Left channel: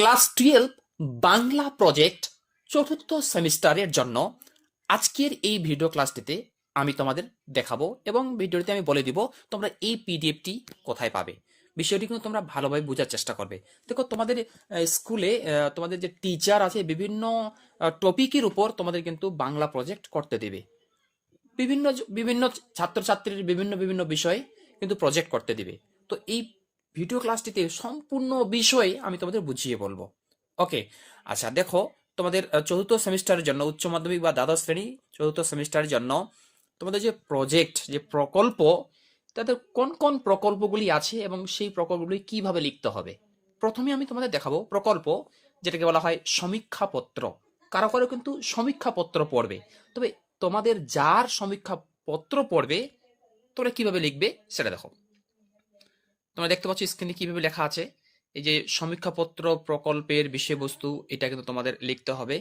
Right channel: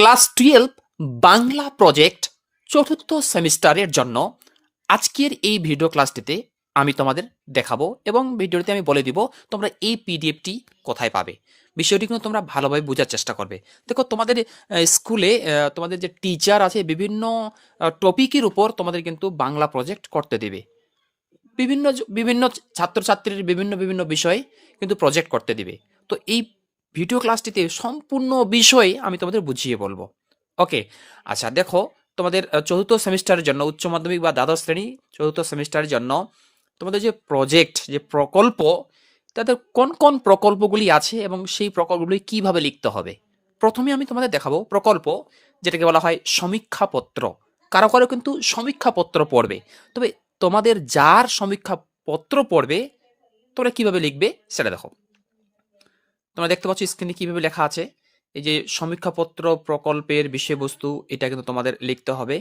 Class twelve Bangla project চতুর্থ সেমিস্টারের জন্য আজকের এই ভিডিও ক্লাসটিতে আমি তোমাদের দেখাবো এবং ভিডিওতে আমি বলে দিব তোমরা এই পিডিএফটি কোথায় পাবে। বিষয়টি কিন্তু তোমরা ভালোভাবে বোঝার চেষ্টা করবে। দেখো, তোমাদের স্কুলে তোমাদের যে টিচার আছে, বিভিন্ন টপিকের উপর তোমাদের কিন্তু বাংলা প্রজেক্ট করতে দেবে। বিভিন্ন বিভিন্ন ছাত্রছাত্রীর বিভিন্ন বিভিন্ন বিষয়ে কিন্তু প্রজেক্ট করতে দিবে। তো এই ভিডিও ক্লাসটিতে সম্পূর্ণ বিষয় আমি তোমাদের বুঝিয়ে বলব। ওকে আচ্ছা দেখো, তোমাদের চতুর্থ সেমিস্টারের জন্য, উচ্চ মাধ্যমিক বা দ্বাদশ শ্রেণি চতুর্থ সেমিস্টারের জন্য তোমাদের যে প্রজেক্ট যে প্রকল্প, তাদের কোন কোন প্রকল্পগুলি আছে এবং সেই প্রকল্পগুলি কীভাবে লিখতে হবে? প্রথমে আমি তোমাদের দেখাবো প্রকল্প, যেটাকে বলা হয় সমীক্ষাপত্র। কারও কারও কিন্তু সমীক্ষাপত্র পড়বে, তবে তোমাদের যার সমীক্ষা পত্র পড়বে তোমরা কীভাবে লিখবে সেটা দেখো। তোমরা দেখতে পাচ্ছ স্ক্রিনে কীভাবে লেখা আছে। এই যে সমীক্ষাপত্র প্রকল্পের বিষয়বস্তু, এটা কিন্তু তোমাদের লিখতে হবে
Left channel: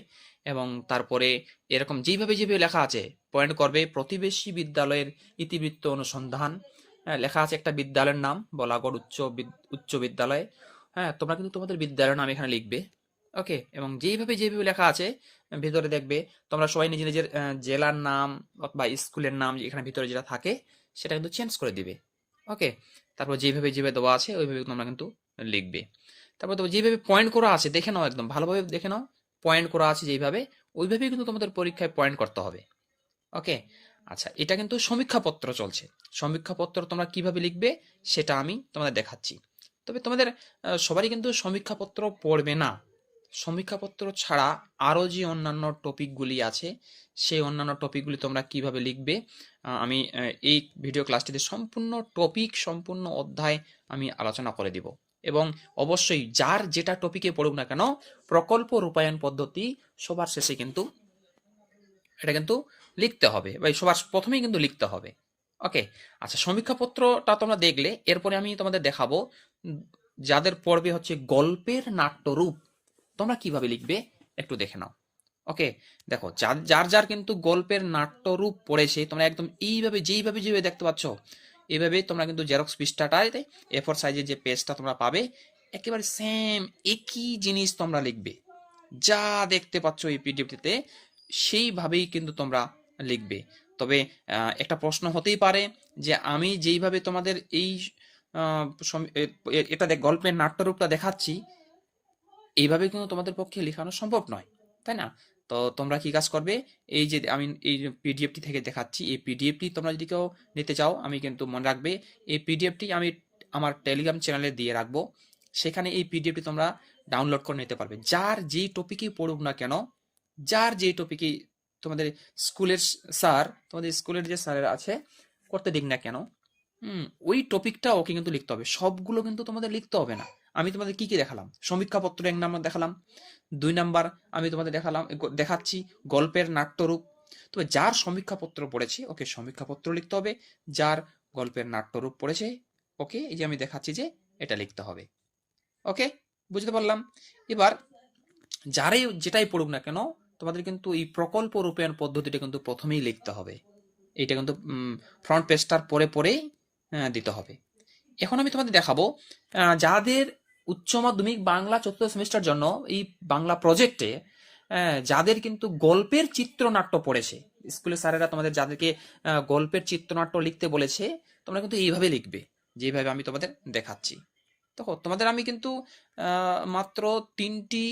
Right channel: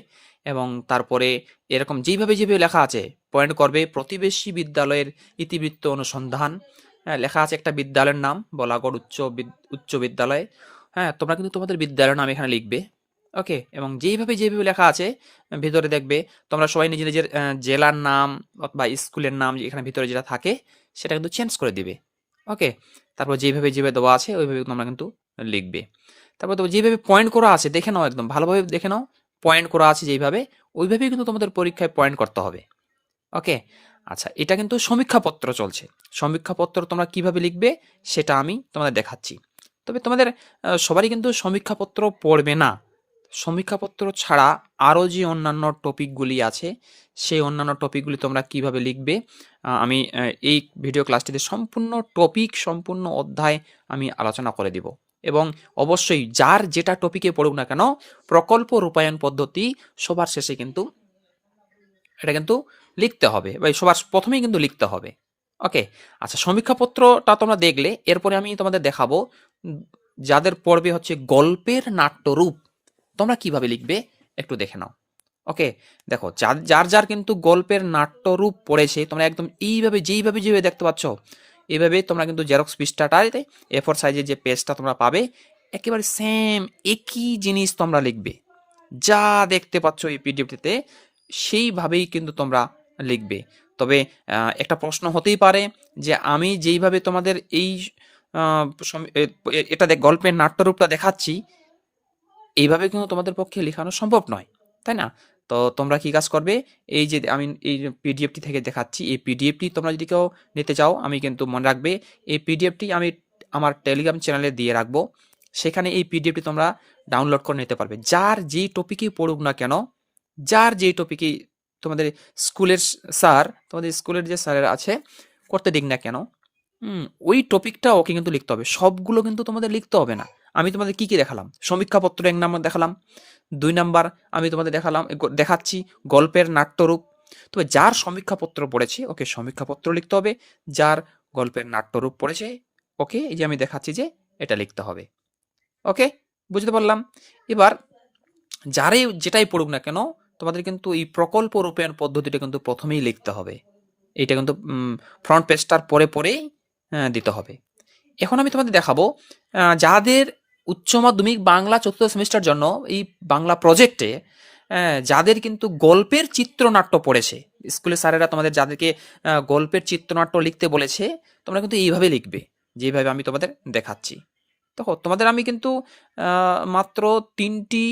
এবং তারপরে এরকম যেইভাবে যেভাবে লেখা আছে পয়েন্ট করবে, প্রতিবেশী বিদ্যালয়ের ইতিবৃত্ত অনুসন্ধান হ্যাঁ লেখা আছে একটা বিদ্যালয়ের নাম, বলাগড় উচ্চ উচ্চ বিদ্যালয় হ্যাঁ তোমরা কিন্তু তোমাদের বিদ্যালয়ের নাম এখানে লিখবে, ওকে? এবং যেইভাবে যেভাবে লেখা আছে, ভিতরে দেখবে, তোমরা সবাই নিজের নিজের জেলার নাম অথবা স্কুলের নাম এখানে ভিতরে যেটা থাকে, সেটা কিন্তু চেঞ্জ করে দিবে, ওকে? তারপর যেভাবে যেভাবে দেওয়া আছে, ওইভাবে তোমরা কিন্তু লিখবে। তারপর তো যেভাবে পয়েন্ট করা আছে, দেখে নাও একদম, ভালোভাবে দেখে নাও পয়েন্ট করা আছে যেইভাবে ওইভাবেই কিন্তু তোমাদের পরীক্ষায় পয়েন্ট করতে হবে। ওকে আচ্ছা এটা কিন্তু সমীক্ষাপত্র চলছে। সমীক্ষাপত্র তোমরা কীভাবে লিখবে, সেটা আমি তোমাদের দেখাচ্ছি। তবে তোমাদের সবারই কিন্তু সমীক্ষাপত্র পড়বে না। সমীক্ষাপত্র ছাড়া আরও যে অন্যান্য টপিকগুলি আছে সেই অন্যান্য টপিকগুলি তোমরা কীভাবে লিখবে? আমি এই ভিডিও ক্লাসটিতে সম্পূর্ণ টপিক, সম্পূর্ণ অধ্যায় আমি আলোচনা করে দিব। এবং অবশ্যই যার যেটা টপিকে পড়ুক না কেন, প্রকল্প রূপায়ণ পদ্ধতি সবার শেষে কিন্তু এটা কিন্তু লিখতে হবে বা সবার প্রথমেই কিন্তু লিখতে হবে। ওকে? আচ্ছা সমীক্ষাপত্রটা তোমরা দেখলে, এরপরে আমি তোমাদের দেখাবো যাদের পড়বে হচ্ছে গল্পের নাট্যরূপ। তোমরা কীভাবে লিখবে, একটু দেখে নাও। ওকে দেখো, যার যার যার কিন্তু গল্পের নাট্যরূপ পড়েছে, তোমরা একদম এইভাবে, যেইভাবে যেভাবে দেখতে পাচ্ছ এইভাবে তোমরা কিন্তু জেরক্স পৃষ্ঠাটাতে এ ফোর সাইজের যে পেজটা তোমরা পাবে, একেবারে সেম একই জিনিস তোমরা লিখবে। যা দেখতে পাচ্ছ এই পিডিএফটিতে সেইভাবেই কিন্তু তোমরা লিখবে। তবে একটা প্রশ্ন হতেই পারে যে আমি যেইভাবে তোমাদের এই এটা গল্পের নাট্যরূপটা দেখাচ্ছি, এইভাবে কিন্তু তোমাদের পক্ষে লেখানো সম্ভব নয়, তাই না? তো তোমরা কি কাজ করবে? এই যে আমি এই পিডিএফটি থেকে দেখাচ্ছি। এই পিডিএফটি তোমরা যদি কেউ নিতে চাও, আমি কিন্তু মনে রাখবে, এই পিডিএফটি আমি আমার টেলিগ্রাম চ্যানেলে দিয়ে রাখব। সেখানে এই পিডিএফটি তোমরা ডাউনলোড করে নিতে পারবে। যার যেই টপিকই পড়ুক না কেন, যার যেই টপিকই তোমাদের স্কুলের স্যার, তোমাদের স্কুলের যে স্যারের আছে, করতে দিক না কেন ওই টপিকটা ওকে কিন্তু লিখতে হবে। সবগুলো কিন্তু তোমাদের লিখতে হবে না। আমি তোমাদের কি কি দেখালাম? সমীক্ষাপত্র এক নাম্বার দেখালাম। দুই নাম্বার আমি তোমাদের দেখালাম দেখাচ্ছি গল্পের নাট্যরূপ। তবে যার সমীক্ষাপত্র পড়েছে ওকে সমীক্ষাপত্র লিখতে হবে। যার গল্পের নাট্যরূপ পড়েছে ওকে এই যে আমি দেখাচ্ছি যে এটা লিখতে হবে। ওকে? বুঝতে পারলাম? এবার যারাই যেটাই পড়ুক না কেন তোমাদের কিন্তু এই প্রকল্প রূপায়ণ পদ্ধতিটা কিন্তু প্রথমেই লিখতে হবে। এইটা কিন্তু ফ্রন্ট পেজটার পরে পরেই আহ, দিতে হবে। এখন আমি তোমাদের দেখাবো যাদের উচ্চ মাধ্যমিক বাংলা চতুর্থ সেমিস্টার জন্য এই বাংলা প্রজেক্টে যাদের কিন্তু গল্পের চিত্রনাট্য পড়েছে স্কুলের স্যারেরা তোমাদের যাদেরকে গল্পের চিত্রনাট্য লিখতে বলেছে, তোমরা কিন্তু এইভাবে লিখবে, যেভাবে আমি তোমাদের দেখাচ্ছি। দেখো, তোমাদের আমি কিন্তু মাত্র তিনটি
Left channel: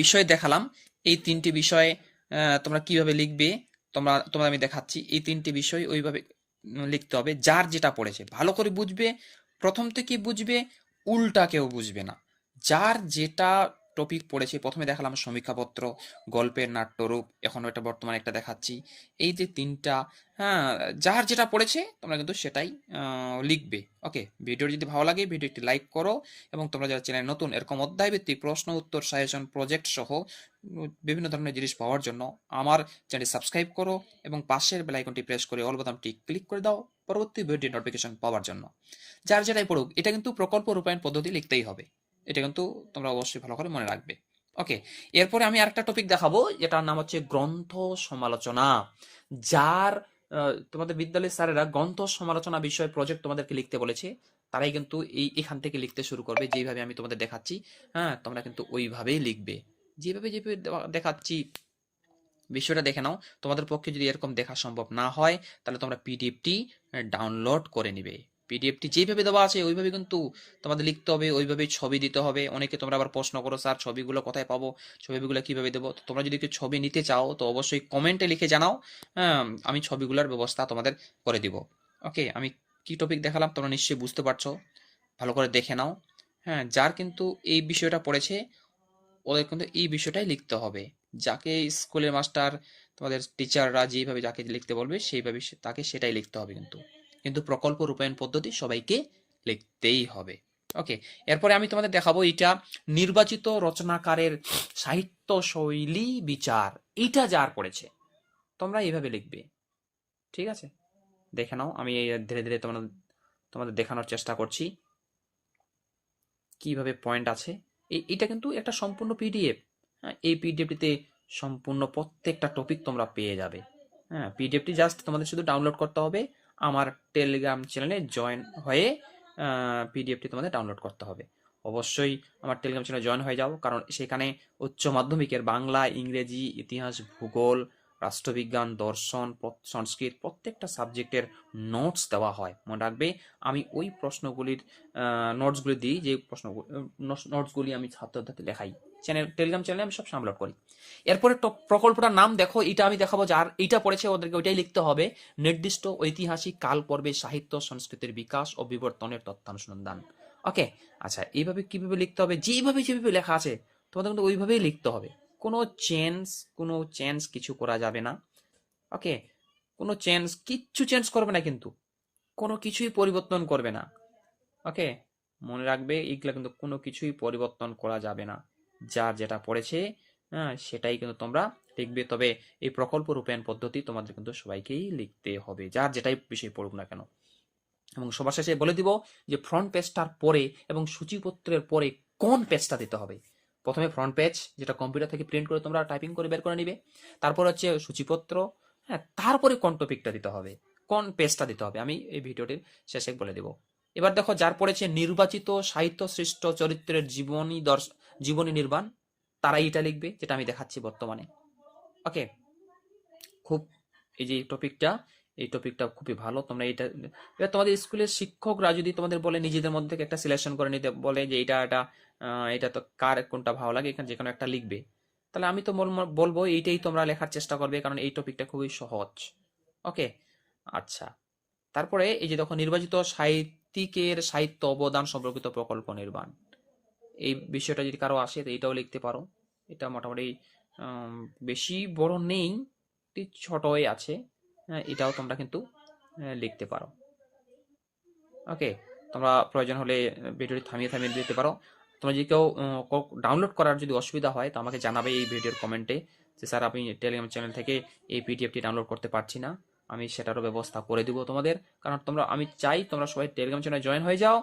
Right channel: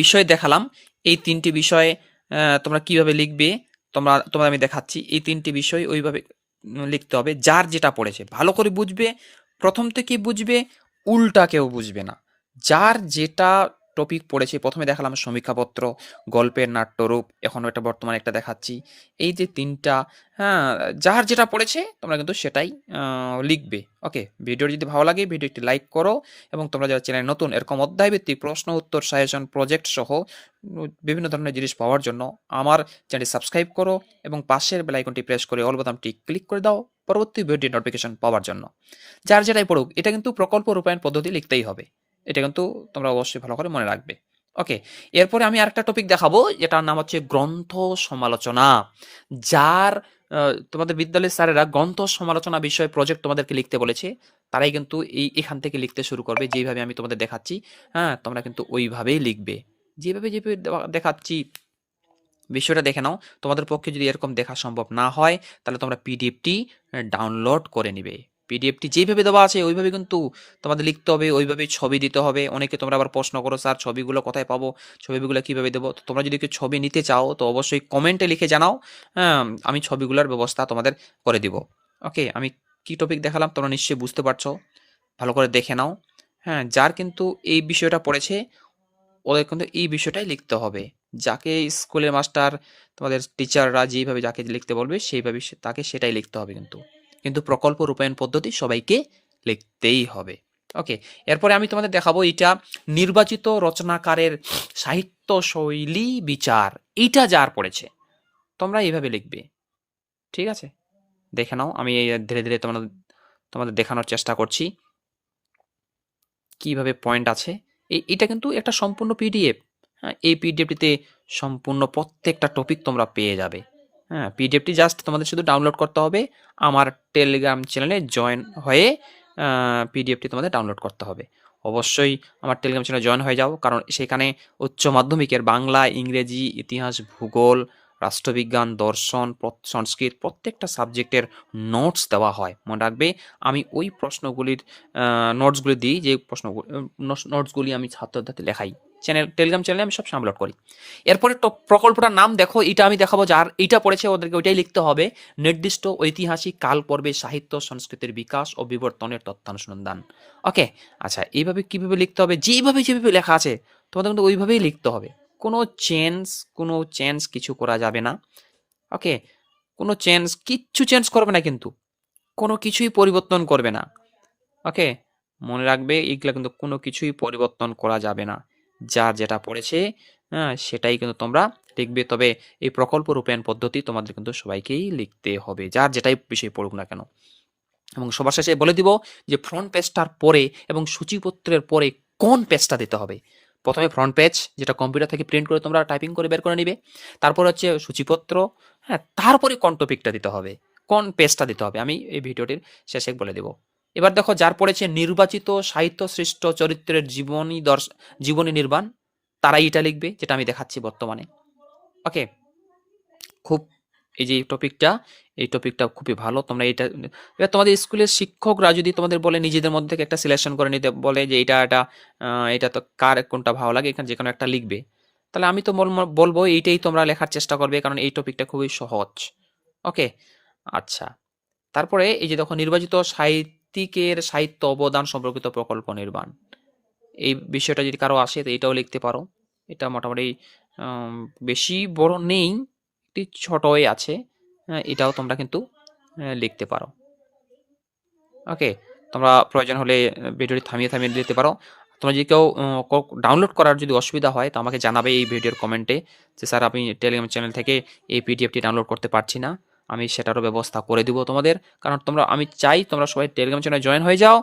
বিষয় দেখালাম। এই তিনটি বিষয়ে তোমরা কীভাবে লিখবে, তোমরা, তোমাদের আমি দেখাচ্ছি। এই তিনটি বিষয় ওইভাবে লিখতে হবে। যার যেটা পড়েছে, ভালো করে বুঝবে, প্রথম থেকে বুঝবে উল্টা কেউ বুঝবে না। যার যেটা টপিক পড়েছে, প্রথমে দেখালাম সমীক্ষাপত্র, গল্পের নাট্যরূপ এখন এটা বর্তমানে একটা দেখাচ্ছি। এই যে তিনটা হ্যাঁ যার যেটা পড়েছে, তোমরা কিন্তু সেটাই লিখবে। ওকে, ভিডিও যদি ভালো লাগে, ভিডিও একটি লাইক করো এবং তোমরা যারা চ্যানেল নতুন, এরকম অধ্যায়ভিত্তিক প্রশ্ন, উত্তর সাজেশন প্রজেক্ট সহ বিভিন্ন ধরনের জিনিস পাওয়ার জন্য আমার চ্যানেল সাবস্ক্রাইব করো এবং পাশের বেল আইকনটি প্রেস করে অল বোতামটি ক্লিক করে দাও। পরবর্তী ভিডিও নোটিফিকেশন পাওয়ার জন্য। যার যেটাই পড়ুক, এটা কিন্তু প্রকল্প রূপায়ণ পদ্ধতি লিখতেই হবে। এটা কিন্তু তোমরা অবশ্যই ভালো করে মনে রাখবে। ওকে এরপরে আমি আরেকটা টপিক দেখাবো, যেটার নাম হচ্ছে গ্রন্থ সমালোচনা। যার তোমাদের বিদ্যালয়ের স্যারেরা গ্রন্থ সমালোচনা বিষয়ে প্রজেক্ট তোমাদেরকে লিখতে বলেছে, তারাই কিন্তু এই, এখান থেকে লিখতে শুরু করবে। যেইভাবে আমি তোমাদের দেখাচ্ছি হ্যাঁ তোমরা কিন্তু ওইভাবেই লিখবে। যেভাবে যেভাবে দেখাচ্ছি বিষয়টা দেখে নাও। তোমাদের পক্ষে যদি এরকম দেখা সম্ভব না হয়, তাহলে তোমরা পিডিএফটি ডাউনলোড করে নিবে। পিডিএফটি যেভাবে দেওয়া আছে, ওইভাবে কিন্তু তোমাদের লিখতে হবে, ওইভাবে ছবি দিতে হবে। অনেকে তোমরা আবার প্রশ্ন করো, স্যার, ছবিগুলো কোথায় পাবো? ছবিগুলো কীভাবে দেবো? তো তোমরা যদি কেউ ছবি নিতে চাও, তো অবশ্যই কমেন্টে লিখে জানাও হ্যাঁ আমি ছবিগুলোর ব্যবস্থা তোমাদের করে দিব। ওকে, আমি কি টপিক দেখালাম তোমরা নিশ্চয়ই বুঝতে পারছ। ভালো করে দেখে নাও। হ্যাঁ যার কিন্তু এই বিষয়টা পড়েছে, ওদের কিন্তু এই বিষয়টাই লিখতে হবে। যাকে স্কুলের মাস্টার তোমাদের টিচাররা যেইভাবে যাকে লিখতে বলবে, সেইভাবে তাকে সেটাই লিখতে হবে কিন্তু। কিন্তু প্রকল্প রূপায়ণ পদ্ধতি সবাইকে লিখতেই হবে। ওকে, এরপরে আমি তোমাদের দেখাবো এটা নির্বাচিত রচনাকারের সাহিত্য শৈলী বিচার। এইটা যার পড়েছে, তোমরা এইভাবে লিখবে। ঠিক আছে? দেখে নাও, আমি ধীরে ধীরে তোমাদের তোমাদের দেখানোর চেষ্টা করছি। কীভাবে পয়েন্ট আছে। এটা কিন্তু একটা সম্পূর্ণ পিডিএফ। হ্যাঁ এই পিডিএফটিতে সম্পূর্ণ প্রত্যেকটা টপিক তোমরা পেয়ে যাবে। হ্যাঁ পিডিএফটি জাস্ট তোমাদের শুধু ডাউনলোড করতে হবে। আমার টেলিগ্রাম চ্যানেলে জয়েন হয়ে পিডিএফটি তোমাদের ডাউনলোড করতে হবে। অবশ্যই আমার টেলিগ্রাম চ্যানেলে জয়েন হয়ে যাও, কারণ সেখানে উচ্চ মাধ্যমিকের বাংলা, ইংরেজি, ইতিহাস, ভূগোল, রাষ্ট্রবিজ্ঞান, দর্শন সংস্কৃত প্রত্যেকটা সাবজেক্টের নোটস দেওয়া হয়। মনে রাখবে, আমি ওই প্রশ্নগুলির নোটসগুলি দিই, যে প্রশ্ন নোটসগুলি আমি ছাত্রদের লেখাই। চ্যানেল টেলিগ্রাম চ্যানেলে আমি সব আপলোড করি। এরপরে প্রকল্পটার নাম দেখো এটা আমি দেখাবো যার, এইটা পড়েছে ওদেরকে, ওইটাই লিখতে হবে। নির্দিষ্ট ঐতিহাসিক কাল পর্বে সাহিত্য, সংস্কৃতির বিকাশ ও বিবর্তনের তথ্যানুসন্ধান ওকে আচ্ছা এইভাবে কীভাবে লিখতে হবে? যেভাবে যেভাবে লেখা আছে, তোমাদের কিন্তু ওইভাবেই লিখতে হবে। কোনো চেঞ্জ কোনো চেঞ্জ কিছু করা যাবে না। ওকে কোনো চেঞ্জ কিচ্ছু চেঞ্জ করবে না কিন্তু। কোনো কিছুই পরিবর্তন করবে না। ওকে মনে রাখবে এগুলো কিন্তু কোনো কিছুই পরিবর্তন করা যাবে না। যার যেটা পড়েছে হ্যাঁ সেটাই কিন্তু তোমরা লিখবে। তবে এই প্রকল্প রূপায়ণ পদ্ধতি তোমাদের কিন্তু সবাইকেই লিখতে হবে, যার যেটাই বিষয় পড়ুক না কেন। এবং সবার শেষে বলে দিব যে ফ্রন্ট পেজটার পরে এবং সূচিপত্রের পরে কোন পেজটা দিতে হবে? প্রথমে ফ্রন্ট পেজ যেটা কম্পিউটার থেকে প্রিন্ট করে তোমরা টাইপিং করে বের করে নিবে। তারপর হচ্ছে সূচিপত্র হ্যাঁ তারপরে কোন টপিকটা দিতে হবে? কোন পেজটা দিতে হবে? আমি এই ভিডিওটির শেষে বলে দেব। এবার দেখো, যার পড়েছে নির্বাচিত সাহিত্য সৃষ্ট চরিত্রের জীবনী দর্শ, জীবনী নির্মাণ, তারাই এটা লিখবে, যেটা আমি দেখাচ্ছি বর্তমানে। ওকে? খুব এই যে টপিকটা, এই টপিকটা খুবই ভালো। তোমরা এটা, এবার তোমাদের স্কুলের শিক্ষকরা যদি তোমাদের বলে, নিজেদের মধ্যে একটা সিলেকশন করে নিতে বলে যে এটা এটা এটা তো কার, কোনটা ভালো লাগে, এখানে যে কোনো একটা লিখবে। তাহলে আমি তো বল- বলব এইটাই তোমরা লেখার চেষ্টা করবে, কারণ এই টপিকটা খুবই সহজ। ওকে? আচ্ছা। তারপরে এই যে দেখো, নির্বাচিত সাহিত্যিকের সাহিত্য অবদান সম্পর্কিত প্রকল্প নির্মাণ। এই বিষয়টা যদি কারও আসে তো এটাও লিখতে পারো। এটা মোটামুটি বেশি বড় নেই একটি ছোটই আছে। হ্যাঁ, এটাও তোমরা কিন্তু লিখতে পারো। ওকে তোমরা প্রয়োজন হলে ভিডিওটি থামিয়ে থামিয়ে দিতে পারো। তোমরা যদি কেউ ডাউনলোড করার যদি অসুবিধা হয় তো আমাকে জানাবে এই ভিডিওর কমেন্টে। যে স্যার আমি টেলিগ্রাম চ্যানেল থেকে এই পিডিএফটি ডাউনলোড করতে পারছি না। আমি সেটারও ব্যবস্থা করে দিব তোমাদের। কারণ তোমরা, আমি চাই তোমরা সবাই টেলিগ্রাম চ্যানেলে জয়েন হয়ে যাও।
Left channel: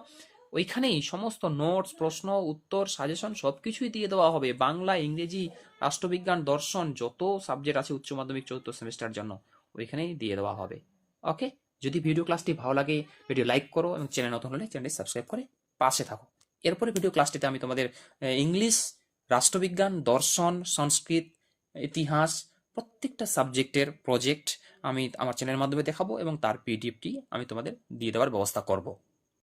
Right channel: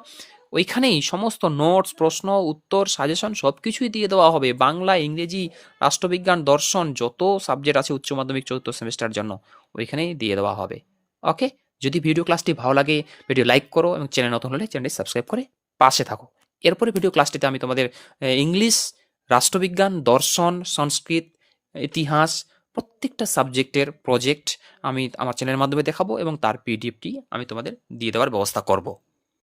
ওইখানেই সমস্ত নোটস প্রশ্ন, উত্তর সাজেশন সব কিছুই দিয়ে দেওয়া হবে। বাংলা, ইংরেজি, রাষ্ট্রবিজ্ঞান, দর্শন, যত সাবজেক্ট আছে উচ্চ মাধ্যমিক চতুর্থ সেমিস্টার জন্য ওইখানেই দিয়ে দেওয়া হবে। ওকে যদি ভিডিও ক্লাসটি ভালো লাগে ভিডিও লাইক করো এবং চ্যানেল নতুন হলে চ্যানেলটি সাবস্ক্রাইব করে পাশে থাকো। এরপরে ভিডিও ক্লাসটিতে আমি তোমাদের ইংলিশ রাষ্ট্রবিজ্ঞান, দর্শন, সংস্কৃত, ইতিহাস প্রত্যেকটা সাবজেক্টের প্রজেক্ট আমি আমার চ্যানেলের মাধ্যমে দেখাবো এবং তার পিডিএফটি আমি তোমাদের দিয়ে দেওয়ার ব্যবস্থা করব।